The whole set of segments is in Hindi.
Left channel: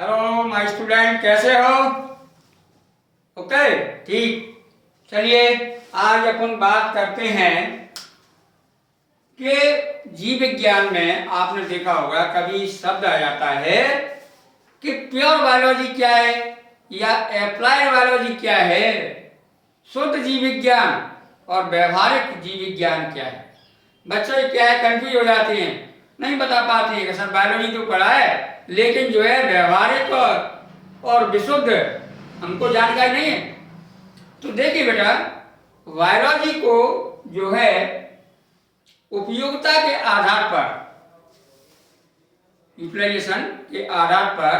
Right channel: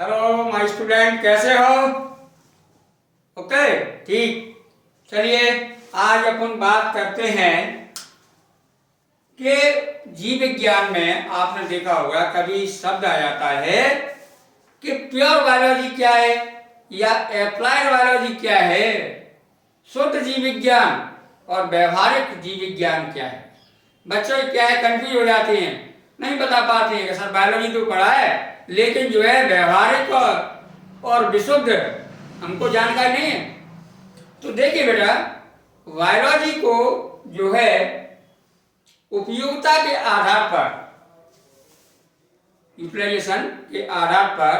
हेलो माय स्टूडेंट, कैसे हो? ओके, ठीक। चलिए आज अपन बात करते हैं कि जीव विज्ञान में आपने देखा होगा कभी शब्द आ जाता है कि प्योर बायोलॉजी क्या है या एप्लाइड बायोलॉजी क्या है, शुद्ध जीव विज्ञान और व्यवहारिक जीव विज्ञान क्या है। बच्चे क्या है कंफ्यूज हो जाते हैं, नहीं बता पाते हैं कि सर बायोलॉजी तो पढ़ा है लेकिन जो है व्यवहारिक और विशुद्ध हमको जानकारी नहीं है। तो देखिए बेटा, बायोलॉजी को जो है उपयोगिता के आधार पर, यूटिलाइजेशन के आधार पर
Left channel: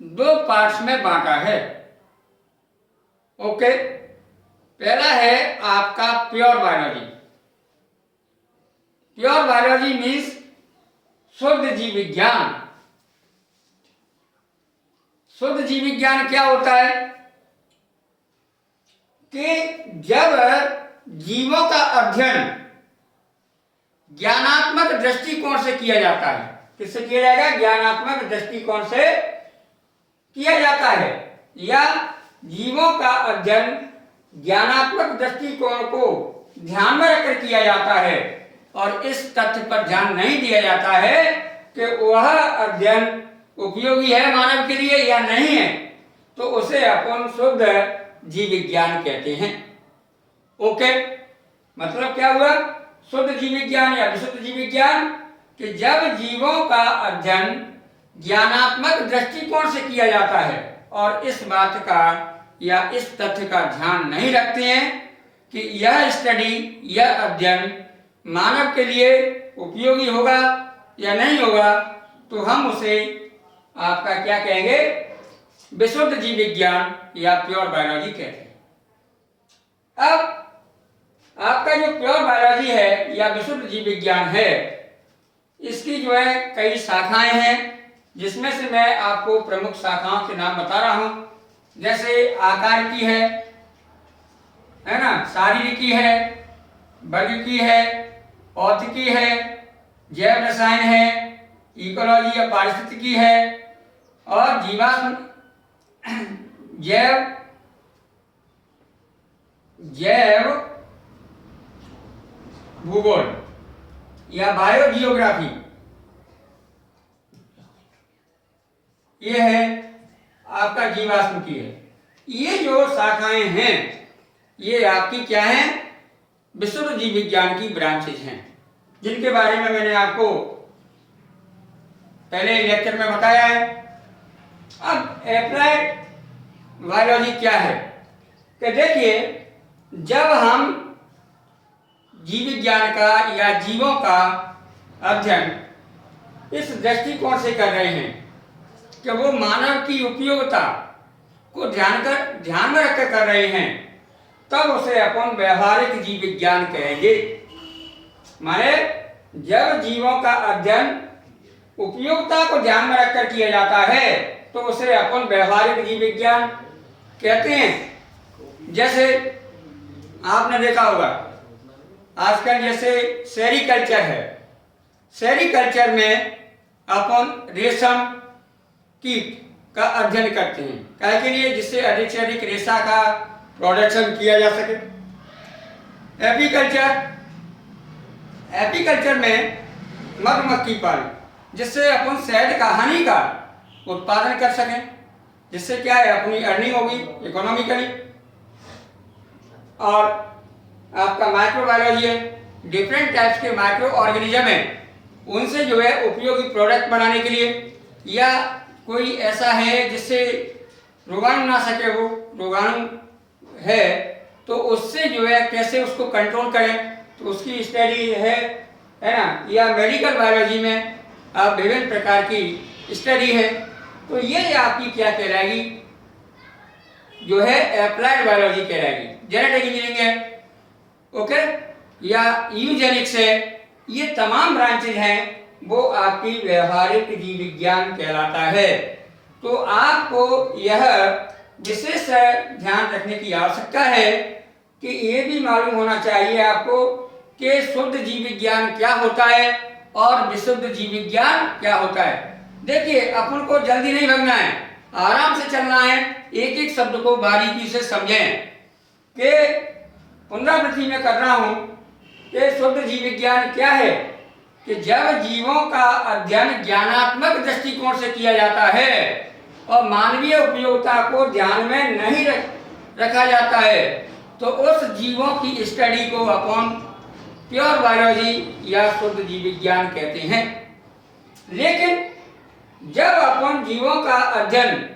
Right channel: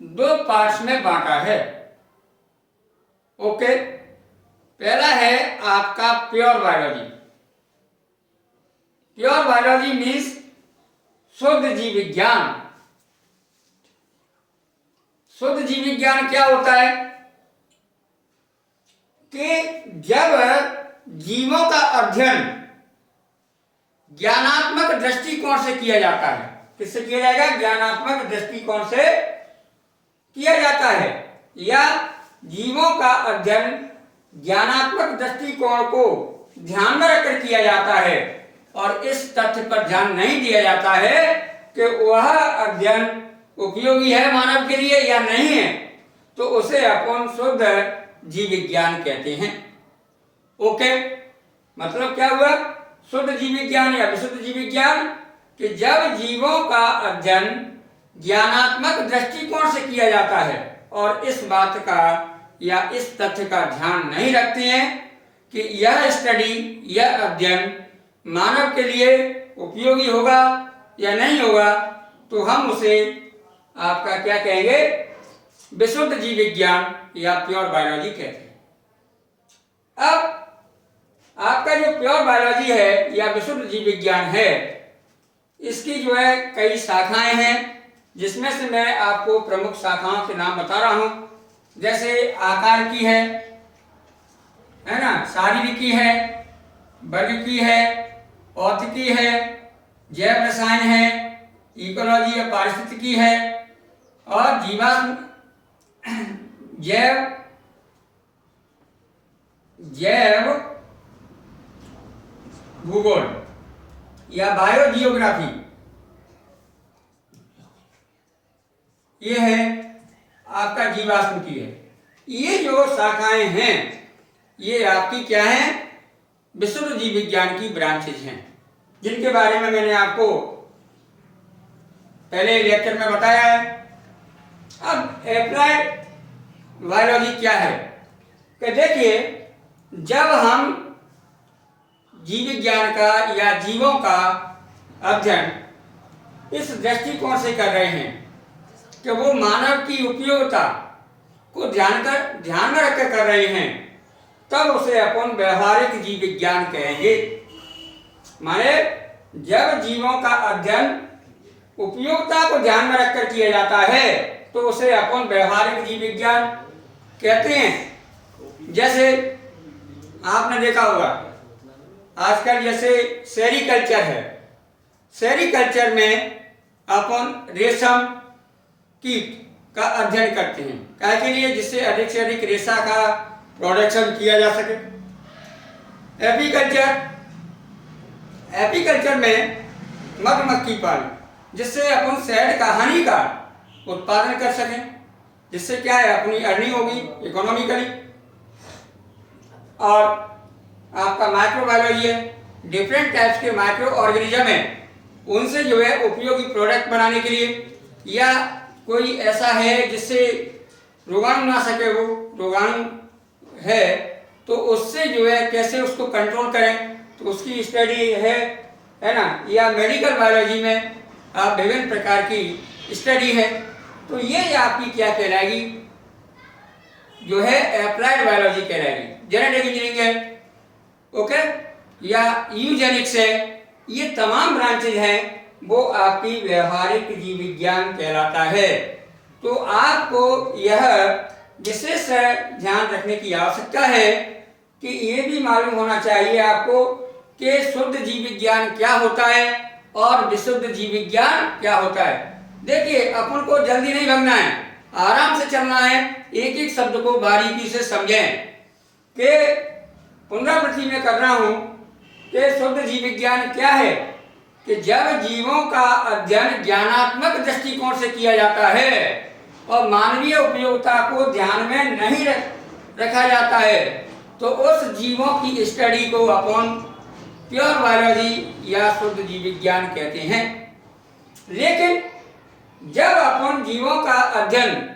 दो पार्ट्स में बांटा है। ओके, पहला है आपका pure biology. Pure biology means शुद्ध जीव विज्ञान। शुद्ध जीव विज्ञान क्या होता है कि जब जीवों का अध्ययन ज्ञानात्मक दृष्टिकोण से किया जाता है। किससे किया जाएगा? ज्ञानात्मक दृष्टिकोण से किया जाता है, या जीवों का अध्ययन ज्ञानात्मक दृष्टिकोण को ध्यान में रखकर किया जाता है और इस तथ्य पर ध्यान नहीं दिया जाता है कि वह अध्ययन उपयोगी है मानव के लिए या नहीं है, तो उसे अपन शुद्ध जीव विज्ञान कहते हैं। ओके, मतलब क्या हुआ? शुद्ध जीव विज्ञान या विशुद्ध जीव विज्ञान कि जब जीवों का अध्ययन ज्ञानात्मक दृष्टिकोण से किया जाता है और इस बात का या इस तथ्य का ध्यान नहीं रखते हैं कि यह स्टडी, यह अध्ययन मानव के लिए उपयोगी होगा या नहीं होगा, तो हम उसे आपका क्या कहेंगे? विशुद्ध जीव विज्ञान या प्योर बायोलॉजी कहते हैं। अब आपका जो प्योर बायोलॉजी है या विशुद्ध जीव विज्ञान है, इसकी जो है कई शाखाएं हैं, जिसमें से मैं आपको प्रमुख शाखाओं के नाम बता रहा हूं। जैसे आकार की है ना, शारीरिकी है, वर्ग की है, औद्योगिकी है, जैव रसायन है, इकोलॉजी या पारिस्थितिकी है, और जीवाश्म जैव भूगोल या बायोजियोग्राफी, ये है आपका जीवाश्म की है। ये जो शाखाएं हैं ये आपकी क्या हैं? विशुद्ध जीव विज्ञान की ब्रांचेज हैं, जिनके बारे में मैंने आपको पहले लेक्चर में बताया है। अब एप्लाइड बायोलॉजी क्या है कि देखिए, जब हम जीव विज्ञान का या जीवों का अध्ययन इस दृष्टिकोण से कर रहे हैं कि वो मानव की उपयोगिता को ध्यान में रखकर कर रहे हैं, तब उसे अपन व्यवहारिक जीव विज्ञान कहेंगे। माने जब जीवों का अध्ययन उपयोगिता को ध्यान में रखकर किया जाता है तो उसे अपन व्यवहारिक जीव विज्ञान कहते हैं। जैसे आपने देखा होगा आजकल जैसे सेरीकल्चर है, सेरीकल्चर में अपन रेशम कीट का अध्ययन करते हैं, क्या के लिए? जिससे अधिक से अधिक रेशा का प्रोडक्शन किया जा सके। एपीकल्चर में मधुमक्खी पालन, जिससे अपन शहद का हनी का उत्पादन कर सकें, जिससे क्या है अपनी अर्निंग होगी इकोनॉमिकली। और आपका माइक्रोबायोलॉजी है, डिफरेंट टाइप्स के माइक्रो ऑर्गेनिज्म है, उनसे जो है उपयोगी प्रोडक्ट बनाने के लिए, या कोई ऐसा है जिससे रोगाणु ना सके, वो रोगाणु है तो उससे जो है कैसे उसको कंट्रोल करें, तो उसकी स्टडी है ना। या मेडिकल बायोलॉजी में आप विभिन्न प्रकार की स्टडी है, तो ये आपकी क्या कहलाएगी? जो है एप्लाइड बायोलॉजी कहलाएगी। जेनेटिक इंजीनियरिंग है, ओके, या यूजेनिक्स है, ये तमाम ब्रांचेज हैं, वो आपकी व्यवहारिक जीव विज्ञान कहलाता है। तो आपको यह विशेष ध्यान रखने की आवश्यकता है कि ये भी मालूम होना चाहिए आपको कि शुद्ध जीव विज्ञान क्या होता है और विशुद्ध जीव विज्ञान क्या होता है। देखिए, अपन को जल्दी नहीं भागना है, आराम से चलना है, एक एक शब्द को बारीकी से समझें। कि पुनरावृत्ति में कर रहा हूं कि शुद्ध जीव विज्ञान क्या है कि जब जीवों का अध्ययन ज्ञानात्मक दृष्टिकोण से किया जाता है और मानवीय उपयोगिता को ध्यान में नहीं रखा जाता है तो उस जीवों की स्टडी को अपन प्योर बायोलॉजी या शुद्ध जीव विज्ञान कहते हैं। लेकिन जब अपन जीवों का अध्ययन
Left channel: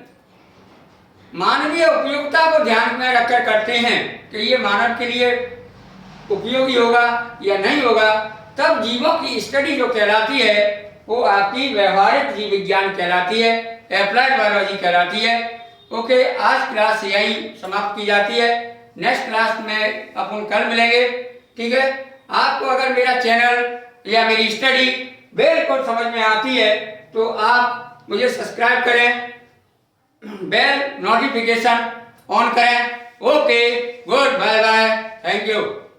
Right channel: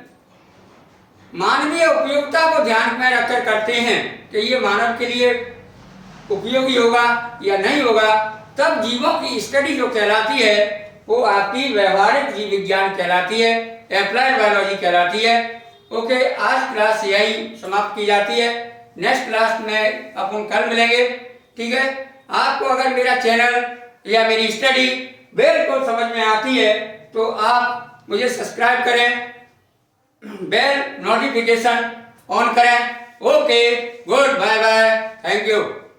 मानवीय उपयोगिता को ध्यान में रखकर करते हैं कि ये मानव के लिए उपयोगी होगा या नहीं होगा, तब जीवों की स्टडी जो कहलाती है वो आपकी व्यवहारिक जीव विज्ञान कहलाती है, एप्लाइड बायोलॉजी कहलाती है। ओके, आज क्लास यही समाप्त की जाती है। नेक्स्ट क्लास में अपन कल मिलेंगे, ठीक है। आपको अगर मेरा चैनल या मेरी स्टडी बिल्कुल समझ में आती है तो आप मुझे सब्सक्राइब करें, बेल नोटिफिकेशन ऑन करें। Okay, good, bye bye, thank you.